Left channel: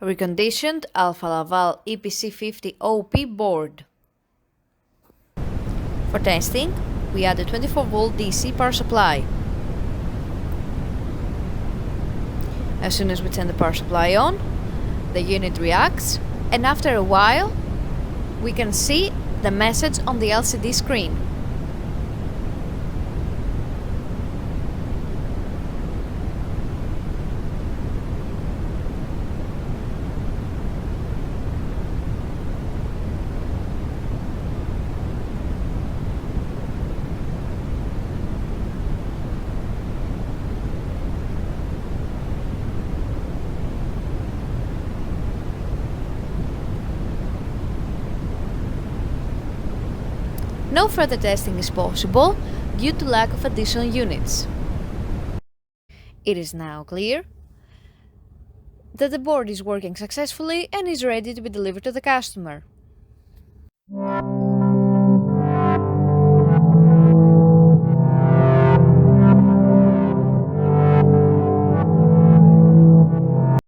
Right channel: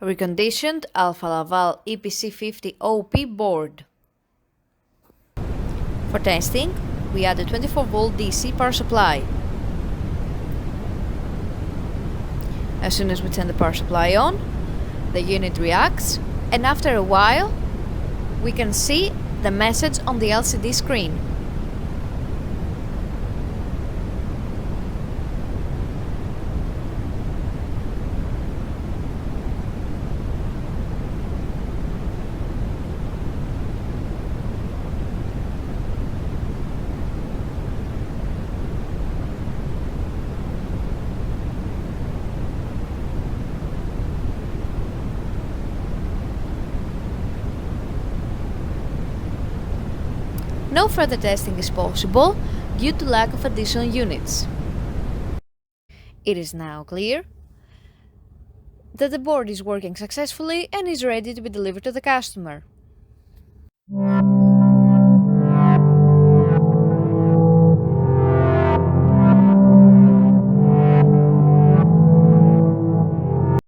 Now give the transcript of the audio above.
Reconditioned Alfa Laval EPC50 OP board. For testing, we add a 24-volt DC power supply. As soon as we turn the power supply on, the unit reacts, and after a while, we can see the message on the LCD screen. No further testing is possible due to lack of additional units. It is now clear that the board is working successfully and is ready to be delivered to the customer.